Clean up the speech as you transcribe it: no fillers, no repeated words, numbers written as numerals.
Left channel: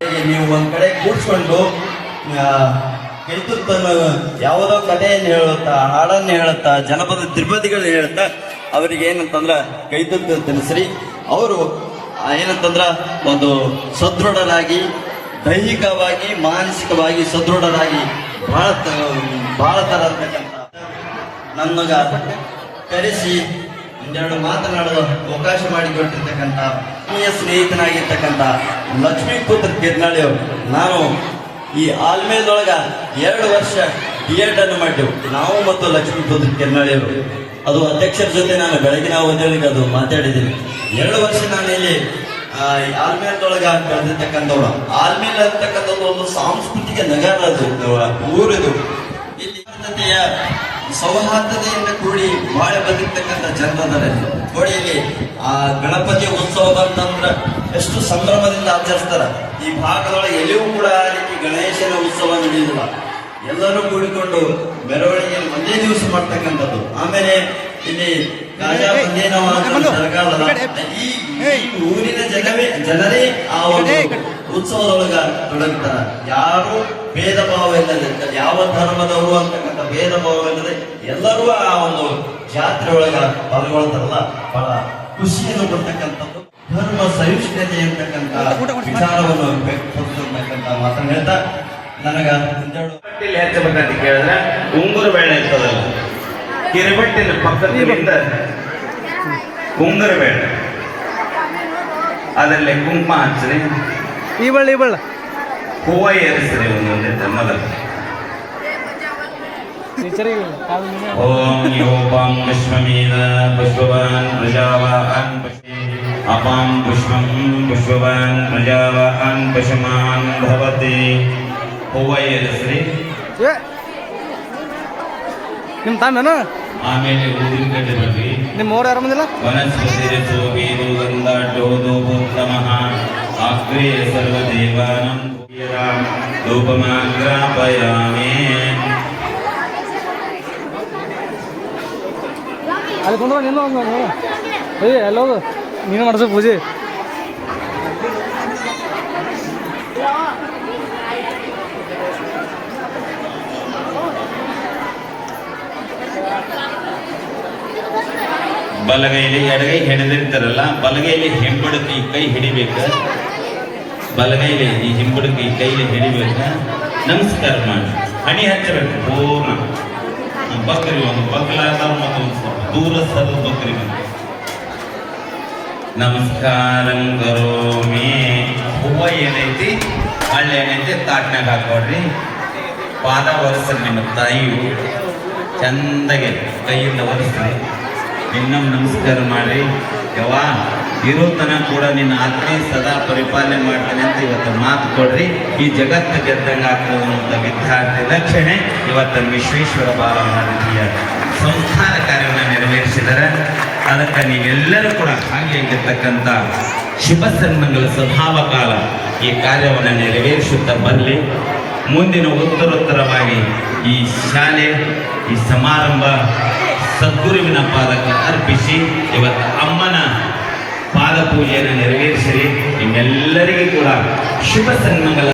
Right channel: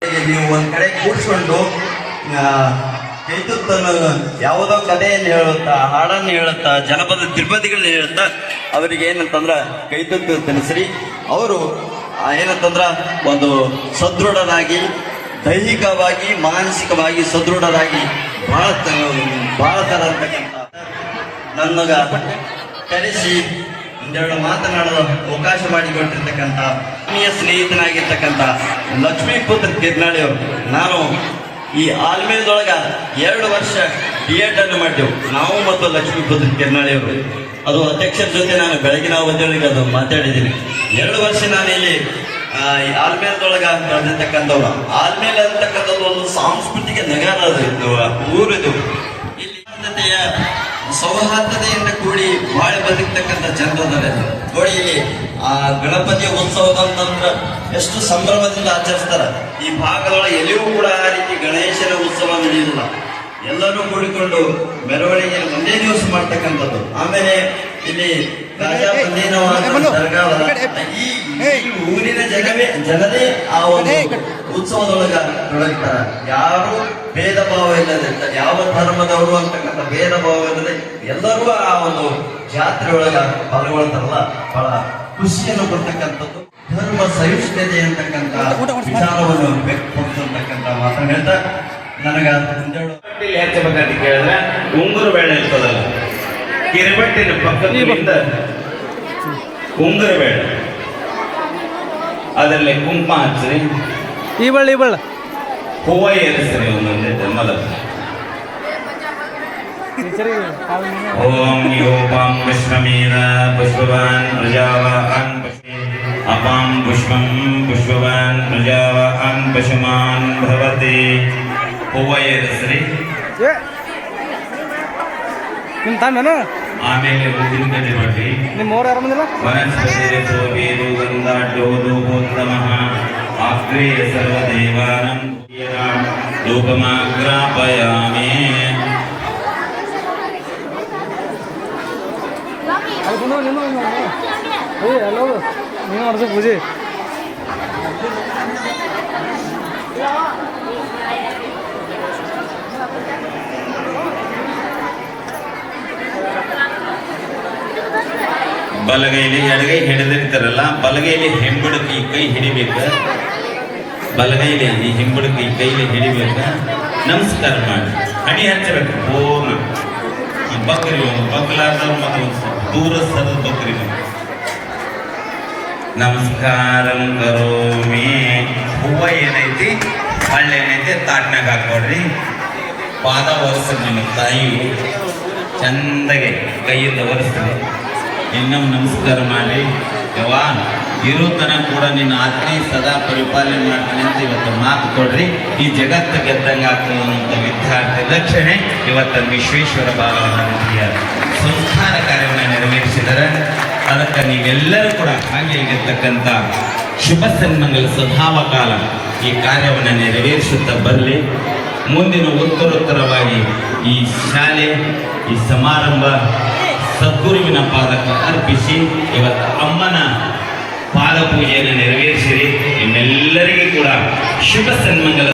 ನೀವು ಒಂದ್ ಕಡೆ ಕೂಡ್ಸ್ಕೊಂಡು ಕೈತುತ್ತನ್ನು ಯಾವುದೋ ಕಥೆಯನ್ನು ಹೇಳುತ್ತಾ, ಹಾಡನ್ನು ಹೇಳುತ್ತಾ, ಜನಪದ ತ್ರಿಪದಿಗಳನ್ನ ಹೇಳುತ್ತಾ ಅವರಿಗೆ ಏನಂತಂದ್ರ ಕೈತುತ್ತು ತಿಳಿಸ್ರಿ. ಅವರು ಏನಂತಂದ್ರ ಒಂದು ಸದೃಢರಾಗಿ, ದೈಹಿಕವಾಗಿ, ಮಾನಸಿಕವಾಗಿ ಸದೃಢರಾಗಿ ಬಹಳ ತರ ನನಗ ಕರೆಸಿ ಒಂದೆರಡು ಮಾತನಾಡಲು ಅವಕಾಶ ಮಾಡಿಕೊಟ್ಟಿರ್ತಕ್ಕಂಥ ಆತ್ಮೀಯ ಸ್ನೇಹಿತನಾಗಿರ್ತಕ್ಕಂಥ ಲಕ್ಷ್ಮೀಪುತ್ರ ಕಿರ್ನಾಳಿ ಅವರು. ನಾನು ಈ ಆಲ್ಮೇಲದೊಳಗ 2 ವರ್ಷ B.Ed ಅನ್ನು ಮಾಡಿದೆವು ನಾವು ಮತ್ತು ಲಕ್ಷ್ಮೀಪುತ್ರ ಕಿರ್ನಾಳಿ ಅವರು. ಅದು ಅಧ್ಯಕ್ಷರ ಜೊತೆ ನಾನು ಬೆಳಗಿನ ಅವಧಿಯೊಳಗೆ ಅದು ಮಾತಾಡಿದ್ದೀನಿ. 2 ವರ್ಷ ನಾನು ಇಲ್ಲಿ ಆಲ್ಮೇಲದೊಳಗ ಕಳೆದಿರ್ತಕ್ಕಂಥವ್ರು. ಆಲ್ಮೇಲ ಅಂತಕ್ಕಂಥದ್ದು ಒಂದು ಸಾಂಸ್ಕೃತಿಕ ನಗರ, ಅದು ಊರಿದು. ಇಲ್ಲಿ ಸೌಹಾರ್ದತೆಯಿಂದ ಕೂಡಿ ಬಾಳ ಬದುಕ್ತಕ್ಕಂಥ ಜನರದಾರೆ ನೋಡಿ. ಇಲ್ಲಿ ಗಣಪತಿ ಉತ್ಸವ ಅಂತಂದ್ರ ಎಷ್ಟು ಸಂಭ್ರಮದಿಂದ ಆಚರಿಸ್ತಾರ. ಈ ಭಾಗದೊಳಗೆ ಎಲ್ಲಿಯೂ ಕೂಡ ಆ ರೀತಿ ಗಣೇಶನ ಉತ್ಸವ ನಡೆಯುವುದಿಲ್ಲ. ಎಲ್ಲರೂ ಕೂಡಿಕೊಂಡು ಮೆರವಣಿಗೆ ಒಂದೇ ದಿವಸ ಮಾಡ್ತಕ್ಕಂಥದ್ದು. ಆಮೇಲೆ ಇಲ್ಲಿ ಈ ಊರಿನ ಜನರೇ ಆ ಒಂದು ಉತ್ಸವದೊಳಗ ತೊಡಗುತ್ತಾರೆ. ಯಾರು ಭೇದ ಭಾವ ಇಲ್ಲದೆ, ಯಾವ ಧರ್ಮದವರು ಅಂತಕ್ಕಂಥ ಭೇದ ಭಾವ ಇಲ್ಲದೆ ಎಲ್ಲರೂ ಆ ಒಂದು ಜಾತ್ರೆ ಒಳಗ ಪಾಲ್ಗೊಳ್ತಾರಲ್ಲ, ಬಹಳ ಖುಷಿಯನ್ನು ಕೊಡ್ತಕ್ಕಂಥದ್ದು. ಧರ್ಮ ಸಹಿಷ್ಣುತೆ ಅಂತಕ್ಕಂಥ ವಿಚಾರವನ್ನು ವ್ಯಕ್ತಪಡಿಸತಕ್ಕಂಥ ಮಾತನ್ನು ಹೇಳ್ತಾ ನನಗ ಹೆಚ್ಚಬೇಕಂತ ಕೇಳಿದ್ರೆ ಉಂಗುರ ಬೇಳೆ ಇರ್ತದಲ್ಲ, ಕಿರಿಬಟ್ಟಿನ ಪಕ್ಕದಿಂದ ಉಂಗುರ ಬೇಳೆ, ಅದರಲ್ಲಿ ಕುಂಕುಮ ಹಚ್ಚ್ರಿ, ಈ ಬಳ್ಳ ಹೂವ ಏರಿಸ್ರಿ ಒಂದೊಂದೇ ಜನ್ಮದ. ಓಂ ಯೋಪಾಂ ಪುಷ್ಪಮೀರ ಪುಷ್ಪವಾನ್ ಪ್ರಜಾವಾನ್ ಅಪಾಂ ಪುಷ್ಪಂ ಪುಷ್ಪವಾನ್ ಪ್ರಜಾವಾನ್ ಪಶುಮಾನ್ ಭವತಿ. ಹೂವ ಏರಿಸ್ರಿ. ನಿಮ್ಮ ತಾನ ಆಮೇಲೆ ಹೂವಿನ ಕಡ್ಡಿ ಮಾಡ್ರಿ. ನಿಮ್ಮ ಊರು ಆರಾಮದಿಲ್ಲ. ವನಸ್ಪತಿ ಸೋಮೇದು ಗಂಧಾಢ್ಯೋದೋಪೋತ್ತಮಃ ಅಗ್ರೇ ಸರ್ವದೇವಾನಂ ರೂಪಮಾಗ್ರಾಪಯಾಮಿ. ಎಲ್ಲೋ ನೀನು ನಡೆಸೋ ಪೂಜೆ. ಬಲಗೈಲಿ ಎಡಗೈ ಹಿಡಿದಿರ್ತಾರಲ್ಲ, ಬಲಗೈಲಿ ಹಿಂಬಡಕಿ ಕೈ ಹಿಡಿಬೇಕು. ಬಲಗೈಲಿ ಈ ಹಿಂಬಡಕಿ ಕೈಲಿ ಹಿಡಿಬೇಕು. ನಮಸ್ಕಾರ ಮಾಡಿ ಹಣಿ ಹಚ್ಚಬೇಕು. ಓಂ ಬಕ್ರಿ ಬಗ್ಲಾದ ದೂರ ಸದ ಬಕ್ರಿ ನಮಸ್ಕಾರಂ ಕರೋಮಿ. ಹೂವ ಏನೈತಿ, ಹಳ್ಳಿ ಏನೈತಿ ತಾಟ್ನಾಗ ಹಾಕೋಡ್ರಿ. ಪಾದ ಒರೆಸ್ರಿ. ನಿಮ್ಮ ತಾಯಿಯು ಚಂದಗೆ ಕೈಯಿಂದ ಒರೆಸ್ರಿ. ಇನ್ನೊಮ್ಮೆ ನಮಸ್ಕಾರ ಮಾಡಿ. ಯವಾ ಇರೋ ತನಕ ಕೂಡ ನಿನ್ನ ಆತ್ಮೆ ಸದಾ ಪರಿಪಾಲನೆ ಮಾಡ್ತಾನೆ ಅಂತ ಇವತ್ತು ಮಾತು ಕೊಡ್ರಿ. ಈ ಜಗತ್ತು ಗೆದ್ದಂಗೆ ಆಗ್ತದೆ ಅನ್ನುವಂಥ ವಿದ್ಯಾರ್ಥಿ ಲಕ್ಷಣೆ ಇವತ್ತು ವಿಶ್ವೇಶ್ವರ ಬಾಲಮಹಾನದಿಯ ಸಂಸ್ಕಾರ ಕಾರ್ಯವನ್ನು ನೆರವೇರಿಸಿದ್ದಾರೆ. ಅದಕ್ಕೆ ನೀವೆಲ್ಲರೂ ಕೂಡ ಭಾಗಿಯಾಗಿರ್ತಕ್ಕಂಥ ಶುಭ ಸನ್ಮಂಗಲ ಸ್ವಭಾವ ಕಾಲ ಈ ಕಾರ್ಯವನ್ನು ನೆರವೇರಿಸುತ್ತಾ ಬರಲಿ. ಮುಂದಿನ ಉತ್ತರೋತ್ತರವಾಗಿ ಈ ಶಾಲೆ, ಈ ಸಮಾರಂಭ ಸದ್ಗುರುವಿನ ಪಾದಕ್ಕೆ ಅರ್ಪಿಸಿ ಇವತ್ತು ಅಮ್ಮನ ಪಾದ ಪೂಜೆಯನ್ನು ನೆರವೇರಿಸಿರಿ. ಇನ್ನೆಲ್ಲರಿಗೂ ಕೂಡ ಶುಭ ಸನ್ಮಂಗಲ.